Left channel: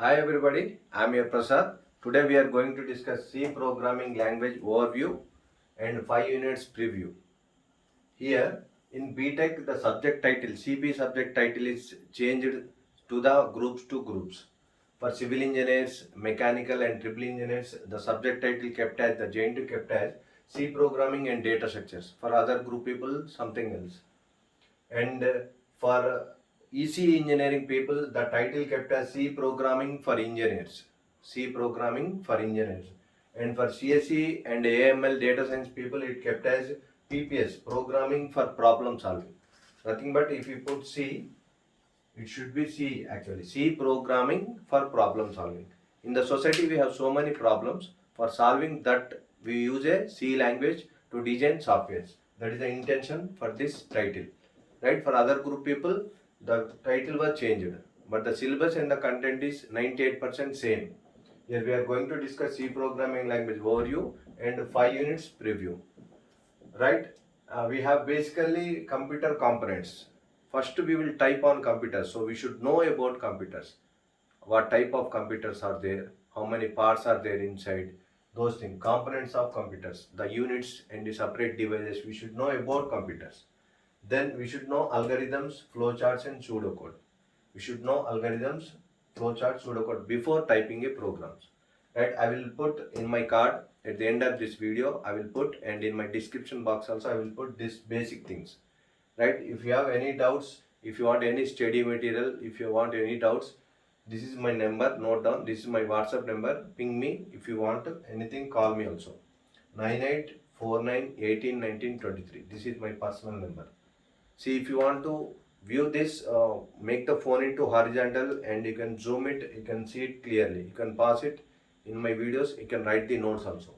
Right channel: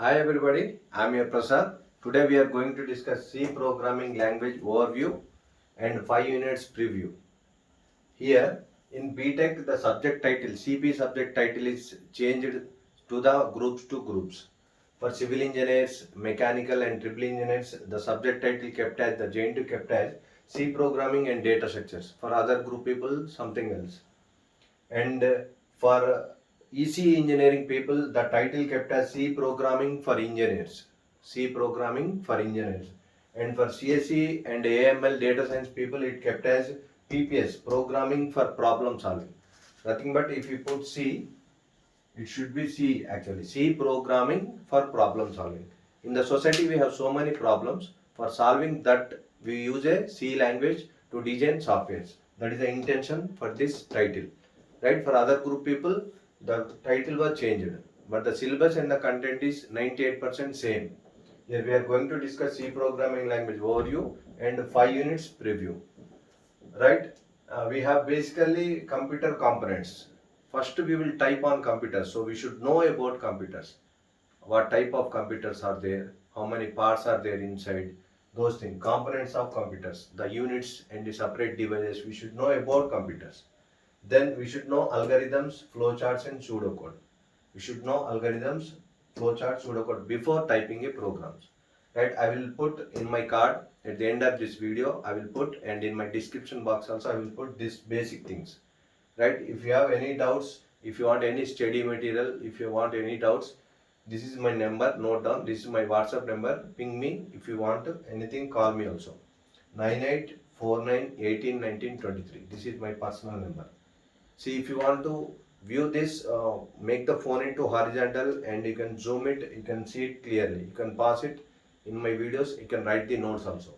Hi everybody, I am your Prasad. Today we are going to discuss C programming language overview and 5 units preview. Here in BTech the subject title, CP subject title is changed to the groups to groups. For civil engineers, mechanical and triple engineers, the subject title kept as the JNTUH kept as C programming and data structures. For other group people, something else. And for EC engineering people, the title kept as C programming for engineers. C programming for engineers. And for CSE and AML data science people, it kept as PPS programming for problem solving. Nothing but if you put C, it should be C actually. C programming for problem solving. In the society, we have so many problems. For solving that, we use a C language to design softwares. That is the intention for this title. Right? For other group people, the title was changed. But the syllabus and the content is 98% same. Here we are going to discuss C programming language overview and 5 units preview. Right? We have basically computer components. First we will type on computers, so we should know about computers. What type of computers are there, how many parts are there inside, those things, components of computers, the units and the separate devices, we should know about computers. Then we should know algorithms, flowcharts and pseudocode. We should know algorithms, flowchart, pseudocode before typing a programs. Right? I will put in my card at the end of this video, I will put, and in my description box also I will put these basic things. Right? If you have any doubts, if you want any study material, if you want any doubts, this is my number, note down, this is my WhatsApp number, ping me. If you want anything, call me also. 9849181923. This is my personal number. See, if you want to view this, make the phone into horizontal and you can zoom it, you can see it clearly. You can pause it in my videos, you can write the notes also.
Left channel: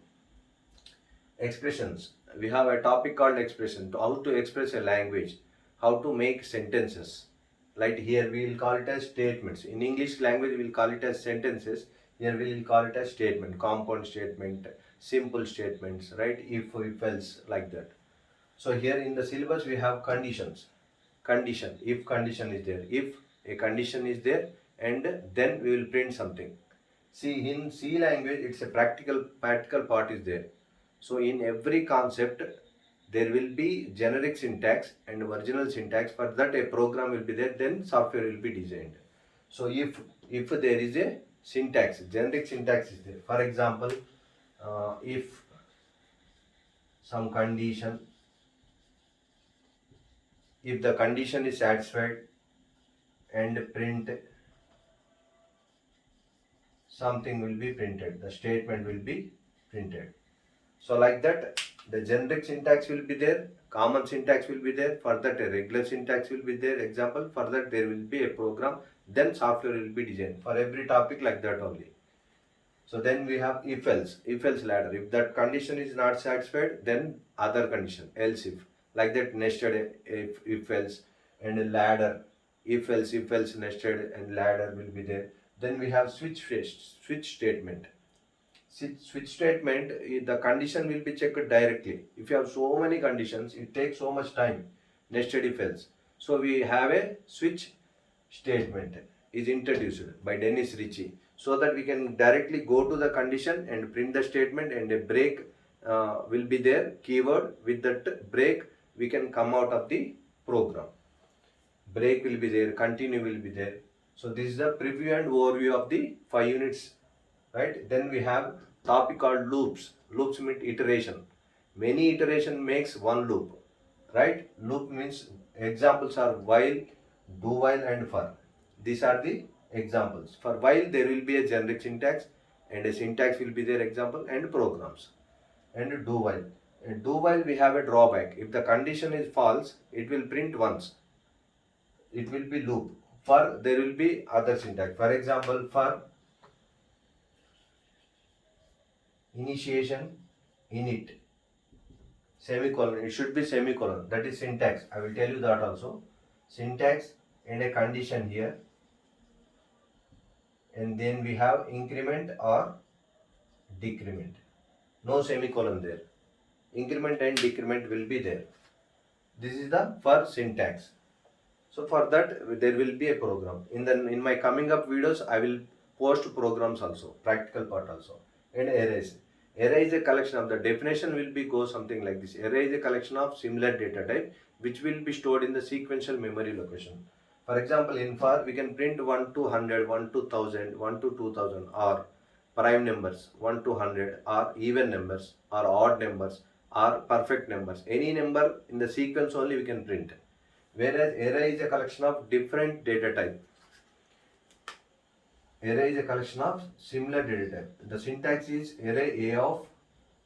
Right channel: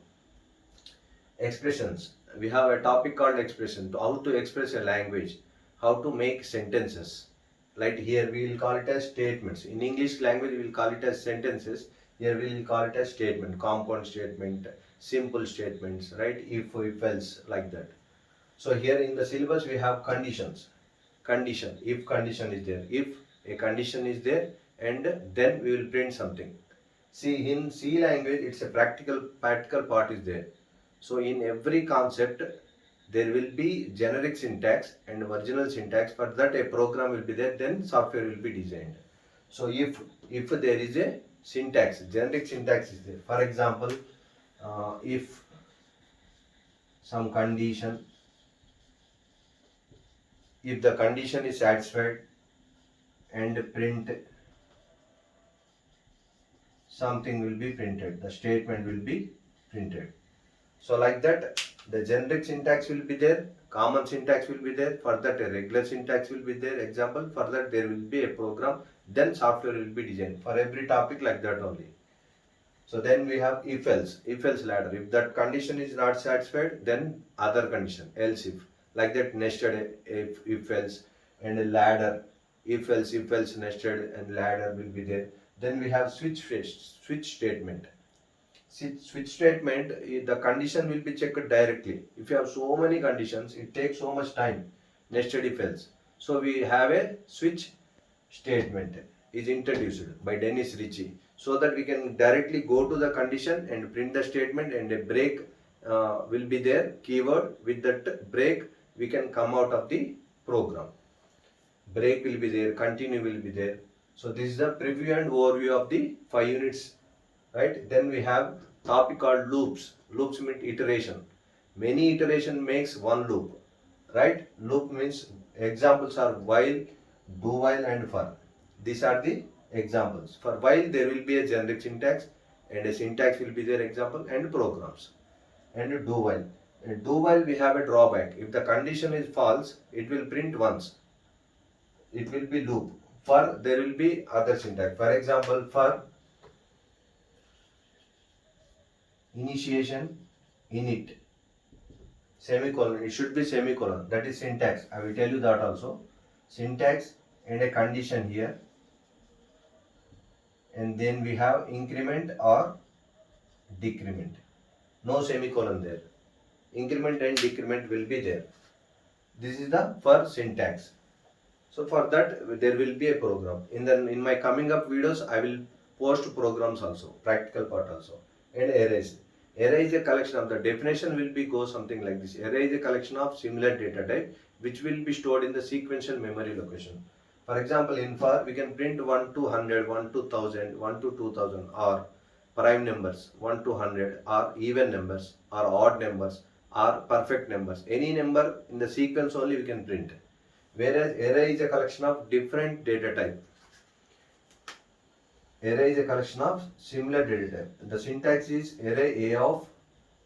Expressions. We have a topic called expression, how to express a language, how to make sentences. Like here we will call it as statements. In English language we will call it as sentences. Here we will call it as statement, compound statement, simple statements, right? If else, like that. So here in the syllabus we have conditions. Condition, if condition is there, if a condition is there, and then we will print something. See, in C language it's a practical part is there. So in every concept there will be generic syntax and original syntax. For that a program will be there, then software will be designed. So if there is a syntax, generic syntax is there. For example, if some condition, if the condition is satisfied, and print, something will be printed, the statement will be printed. So like that, the generic syntax will be there, common syntax will be there, for that a regular syntax will be there, example, for that there will be a program, then software will be designed for every topic, like that only. So then we have if else ladder. If that condition is not satisfied, then other condition, else if, like that, nested if else, and a ladder, if else nested and ladder will be there. Then we have switch statement. Switch statement, the condition will be checked directly. If you have so many conditions, it takes so much time, nested if else. So we have a switch statement is introduced by Dennis Ritchie, so that we can directly go to the condition and print the statement, and a break will be there, keyword. With that break we can come out of the program. Break will be there, continue will be there. So this is the preview and overview of the 5 units, right? Then we have topic called loops. Loops mean iteration. Many iteration makes one loop, right? Loop means examples are while, do while and for. These are the examples. For while there will be a generic syntax, and a syntax will be there, example, and programs. And do while. In do while we have a drawback. If the condition is false, it will print once. It will be loop. For there will be other syntax. For example, for initiation, init, semicolon, it should be semicolon, that is syntax. I will tell you that also. Syntax and a condition here, and then we have increment or decrement, no semicolon there. Increment and decrement will be there. This is the for syntax. So for that there will be a program. In my coming up videos I will post programs also, practical part also. And arrays. Array is a collection of, the definition will be go something like this. Array is a collection of similar data type which will be stored in the sequential memory location. For example, in for we can print 1 to 100, 1 to 1000, 1 to 2000, or prime numbers 1 to 100, or even numbers, or odd numbers, or perfect numbers. Any number in the sequence only we can print. Whereas array is a collection of different data type. Array is a collection of similar data type. The syntax is array A of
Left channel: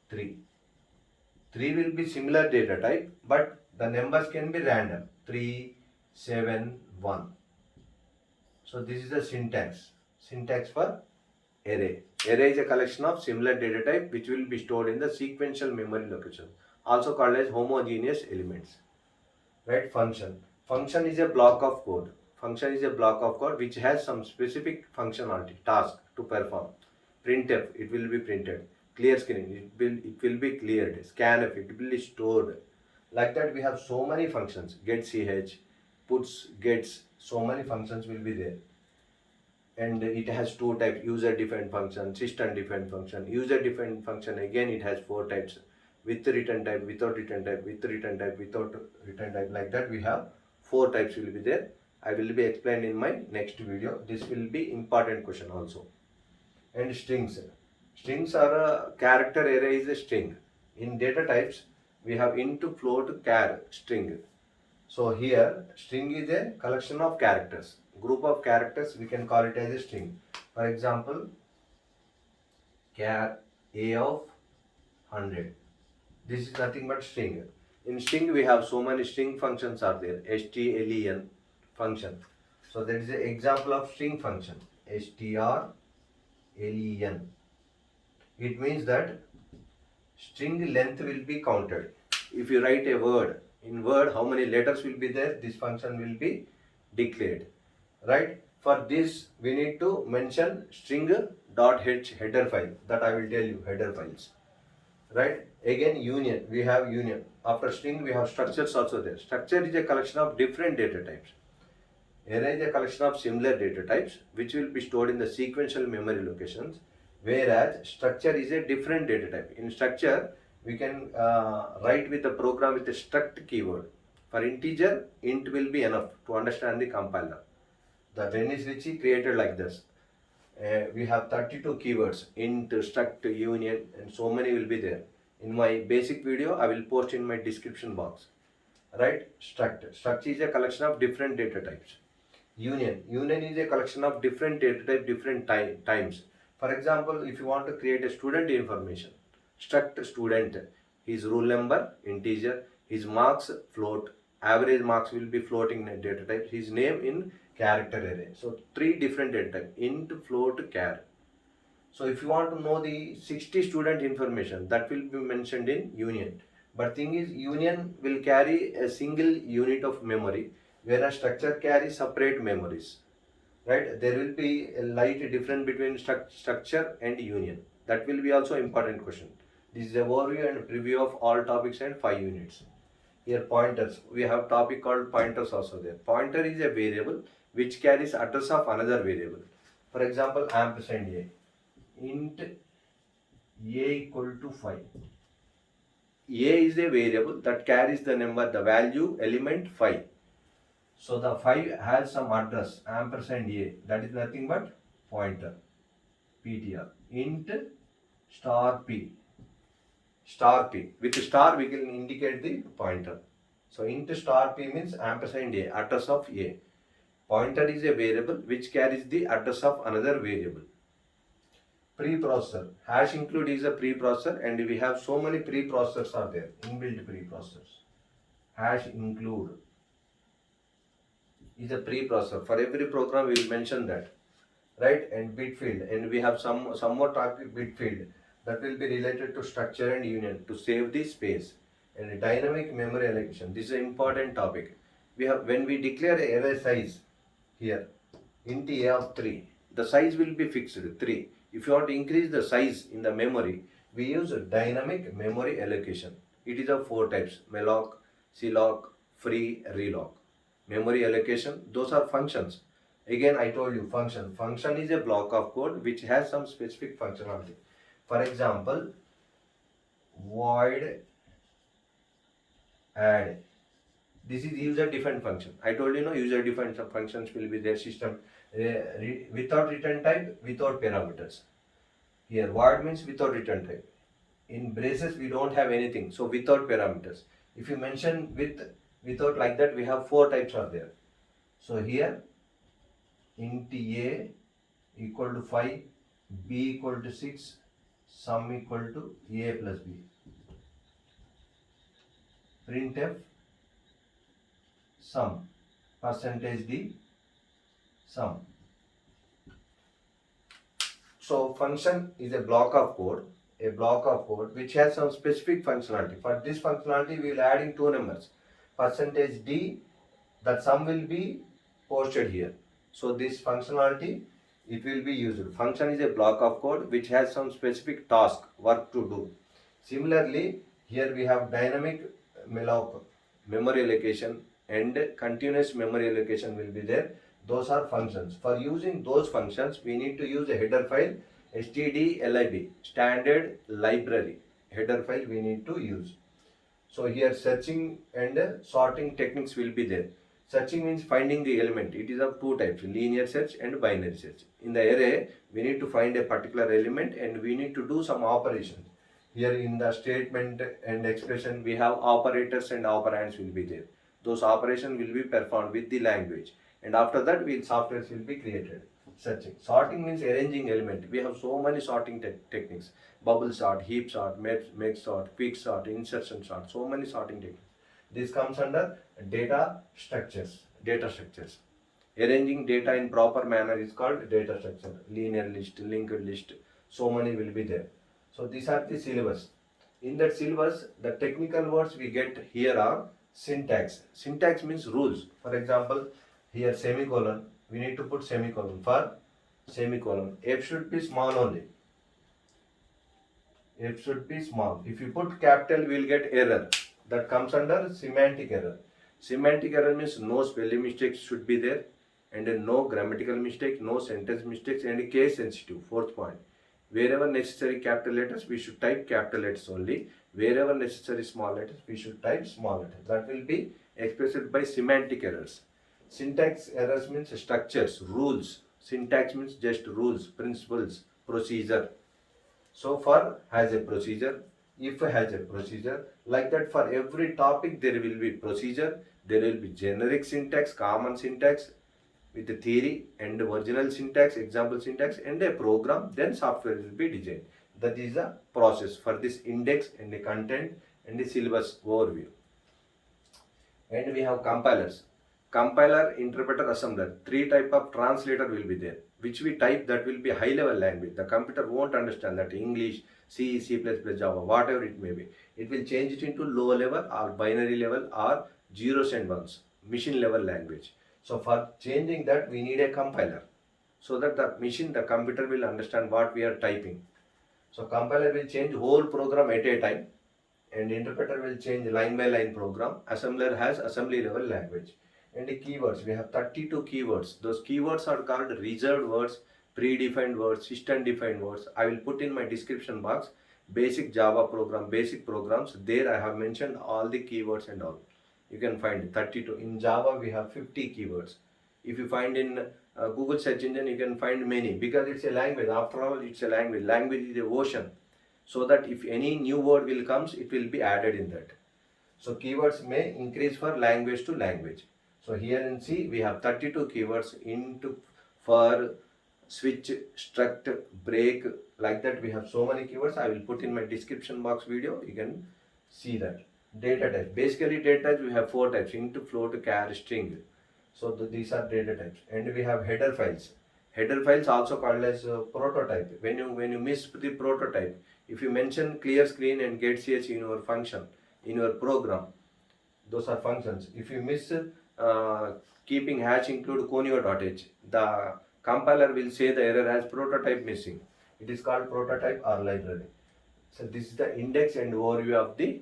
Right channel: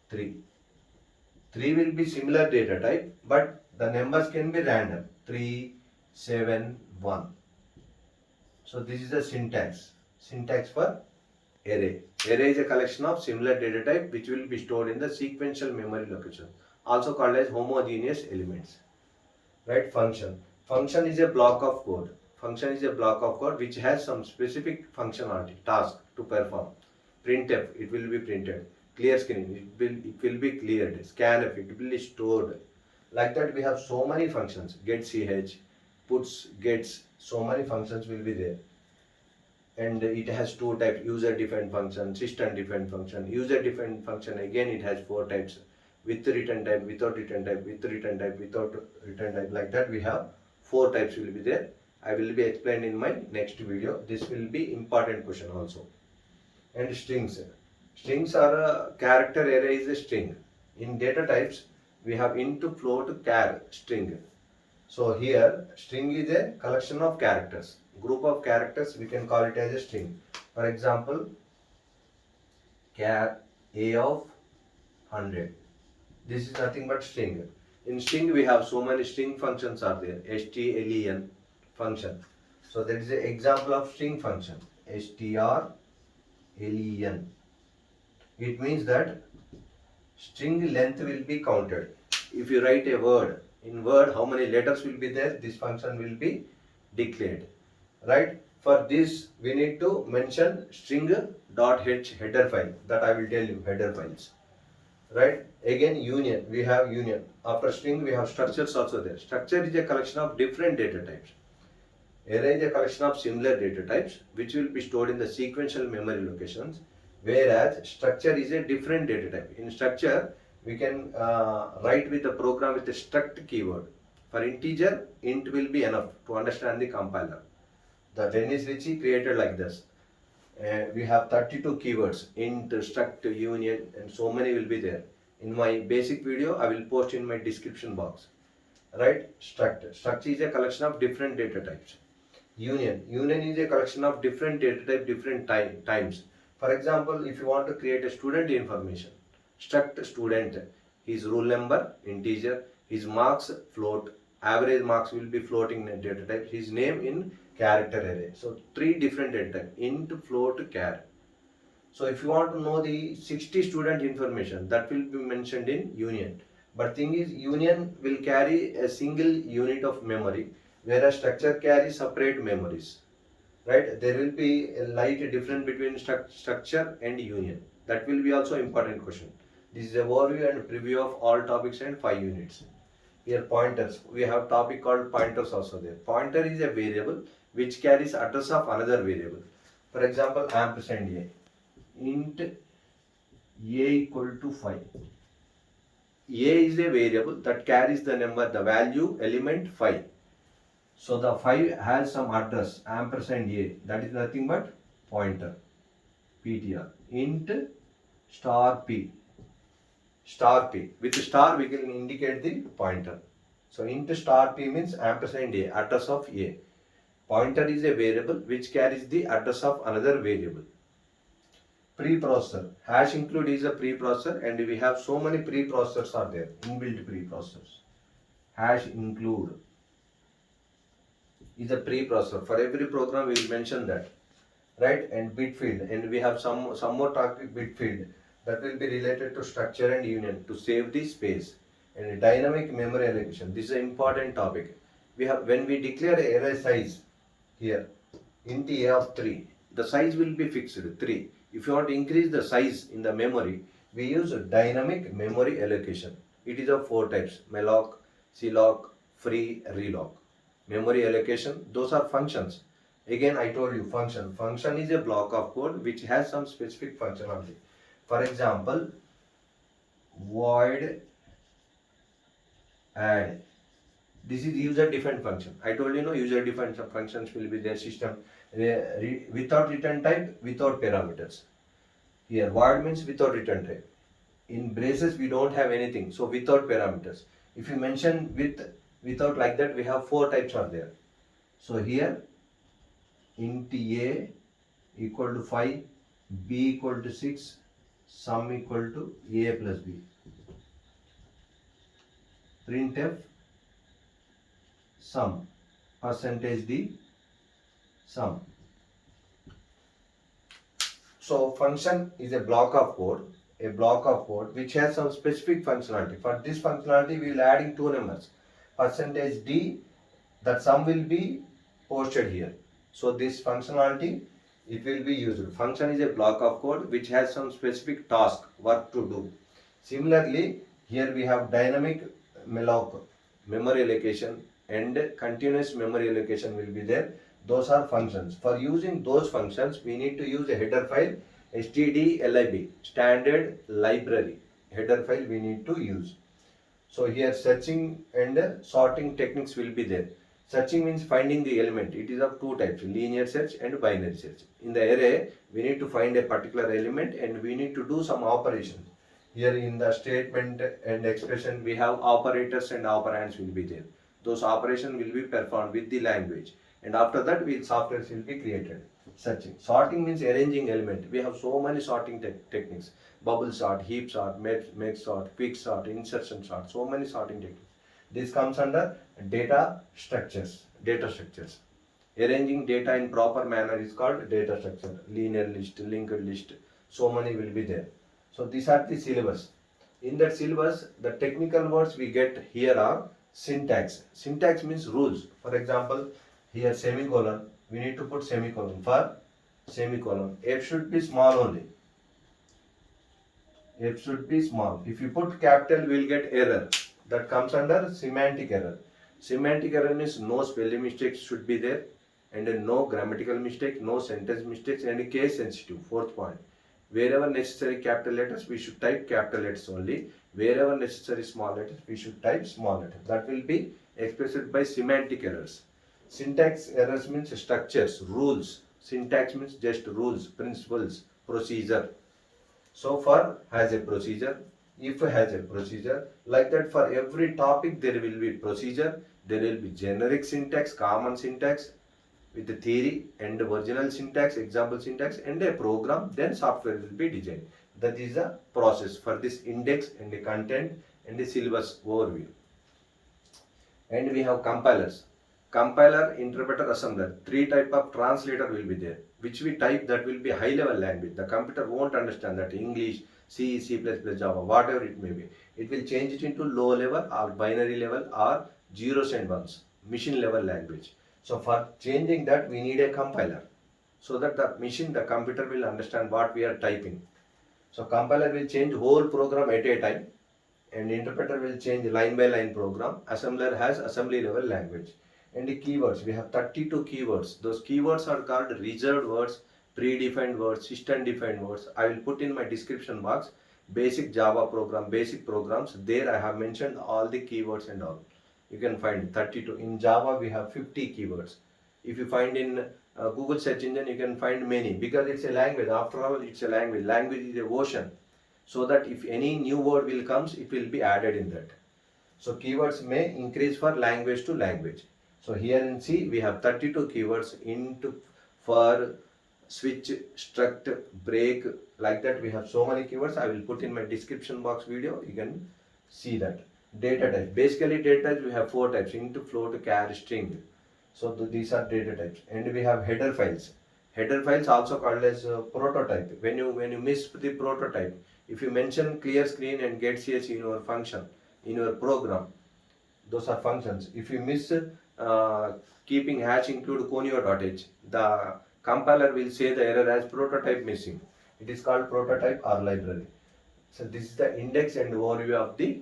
3. 3 will be similar data type, but the numbers can be random. 3, 7, 1. So this is the syntax. Syntax for array. Array is a collection of similar data type which will be stored in the sequential memory location, also called as homogeneous elements. Right? Function. Function is a block of code. Function is a block of code which has some specific functionality, task to perform. Printf, it will be printed. Clear screen, it will be cleared. Scanf, it will be stored. Like that we have so many functions. Get.ch, puts, gets, so many functions will be there. And it has two types: user defined function, system defined function. User defined function, again it has 4 types: with return type, without return type, with return type, without return type. Like that we have 4 types will be there. I will be explained in my next video. This will be important question also. And strings. Strings are a character array is a string. In data types we have int, float, char, string. So here string is a collection of characters. Group of characters, we can call it as a string. For example, char A of 100. This is nothing but string. In string we have so many string functions are there. Strlen function. So that is an example of string function. Strlen. It means that string length will be counted. If you write a word, in word how many letters will be there, this function will be declared. Right? For this we need to mention string.h header file, that I will tell you, header files. Right? Again union, we have union. After string we have structures also there. Structure is a collection of different data types. Array is a collection of similar data types which will be stored in the sequential memory locations, whereas structure is a different data type. In structure we can write with the program with a struct keyword. For integer, int will be enough to understand the compiler. The Dennis Ritchie created like this. We have 32 keywords: int, struct, union, and so many will be there. In my basic video I will post in my description box. Right? Struct is a collection of different data types. Union is a collection of different data type, different times. For example, if you want to create a student information, struct student, his roll number integer, his marks float, average marks will be floating in data type, his name in character array. So 3 different data type: int, float, char. So if you want to know the 60 student information, that will be mentioned in union. But thing is, union will carry a single unit of memory, whereas structure carries separate memories. Right? There will be a light difference between structure and union. That will be also important question. This is a overview and preview of all topics and 5 units. Here pointers. We have topic called pointers also there. Pointer is a variable which carries address of another variable. For example, ampersand a. Int a equal to 5. A is a variable that carries the number, the value element 5. So the 5 has some address, ampersand a, that is nothing but pointer, ptr. Int star p. Star p. With star we can indicate the pointer. So int star p means ampersand a, address of a. Pointer is a variable which carries the address of another variable. Preprocessor. Hash include is a preprocessor, and we have so many preprocessors are there, inbuilt preprocessors. Hash include is a preprocessor. For every program we will mention that. Right? And bit field. And we have some more topic, bit field, that will be related to structure and union to save the space. And dynamic memory allocation. This is an important topic. We have, when we declare array size here, int a of 3, the size will be fixed 3. If you want to increase the size in the memory, we use dynamic memory allocation. It is of 4 types: malloc, clock, free, reloc. Memory allocation, those are functions. Again, I told you function. Function is a block of code which has some specific functionality. For example, void add. This is user defined function. I told you no, user defined functions will be their system without return type, without parameters. Here, void means without return type. In braces, we don't have anything, so without parameters. If you mention without like that, we have 4 types are there. So here, int a equal to 5, b equal to 6, sum equal to a plus b. Printf sum, percentage d sum. So function is a block of code which has some specific functionality. For this functionality, we will adding 2 numbers. Percentage d, that sum will be posted here. So this functionality, it will be used. Function is a block of code which has some specific task, work to do. Similarly, here we have dynamic malloc, memory allocation, and continuous memory allocation will be there. Those are functions. For using those functions, we need to use a header file, stdlib, standard library. Header file we need to use. So here searching and sorting techniques will be there. Searching means finding the element. It is of 2 types, linear search and binary search. In the array, we need to find a particular element and we need to do some operation. Here in the statement and expression, we have operators and operands will be there. Those operations will be performed with the language. And after that, softwares will be created. Searching. Sorting means arranging element. We have so many sorting techniques. Bubble sort, heap sort, meg sort, quick sort, insertion sort, so many sorting techniques. This comes under data structures. Arranging data in proper manner is called data structure. Linear list, linked list, so many will be there. So these are the syllabus. In that syllabus, the technical words we get here are syntax. Syntax means rules. For example, here semicolon, we need to put semicolon. For semicolon, F should be small only. F should be small. If you put capital, we will get error. That comes under semantic error. Semantic error means no spelling mistakes should be there, and no grammatical mistake, no sentence mistakes, and case sensitive. 4th point. Wherever necessary capital letters, we should type capital letters only. Wherever necessary small letters, we should type small letters. That will be expressed by semantic errors. Syntax errors means structures, rules. Syntax means just rules, principles, procedure. So for has a procedure, if has a procedure, like that for every topic there will be procedure, there will be generic syntax, common syntax with the theory and original syntax, example syntax, and a program, then software will be designed. That is the process for this index and the content and the syllabus overview. And we have compilers. Compiler, interpreter, assembler. 3 type of translator will be there, which we type that will be high level language. The computer won't understand that English, C, C++, Java, whatever it may be. It will change it into low level or binary level or zeros and ones, machine level language. So for changing that, we need a compiler so that the computer will understand what we are typing. So compiler will change whole program at a time, and interpreter will change line by line program. Assembler has assembly level language. And the keywords, we have 32 keywords. Those keywords are called reserved words, predefined words, system defined words. I will put in my description box basic Java program, basic programs. There I have mentioned all the keywords and all. You can find 32. In Java we have 50 keywords. If you find in Google search engine, you can find many, because it's a language. After all, it's a language. Language is a ocean. So that if any new word will comes, it will be added in that. So keywords may increase for language to language. So here in C we have 32 keywords. Into, for, switch, struct, break, like that we have so many keywords. I will put in my description box video. You can see that. Data types. Basically data types we have 4 types: int, float, char, string. So these are data types. And we have header files. Header files also called as prototype. When you miss the prototype, if you mention clear screen and get ch in your function, in your program, those are functions. If you miss keeping hash include conio.h, the compiler will say the error has prototype missing. It is called prototype or library. So this is the index and overview of the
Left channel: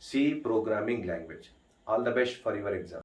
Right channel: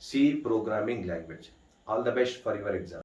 C programming language. All the best for your exam.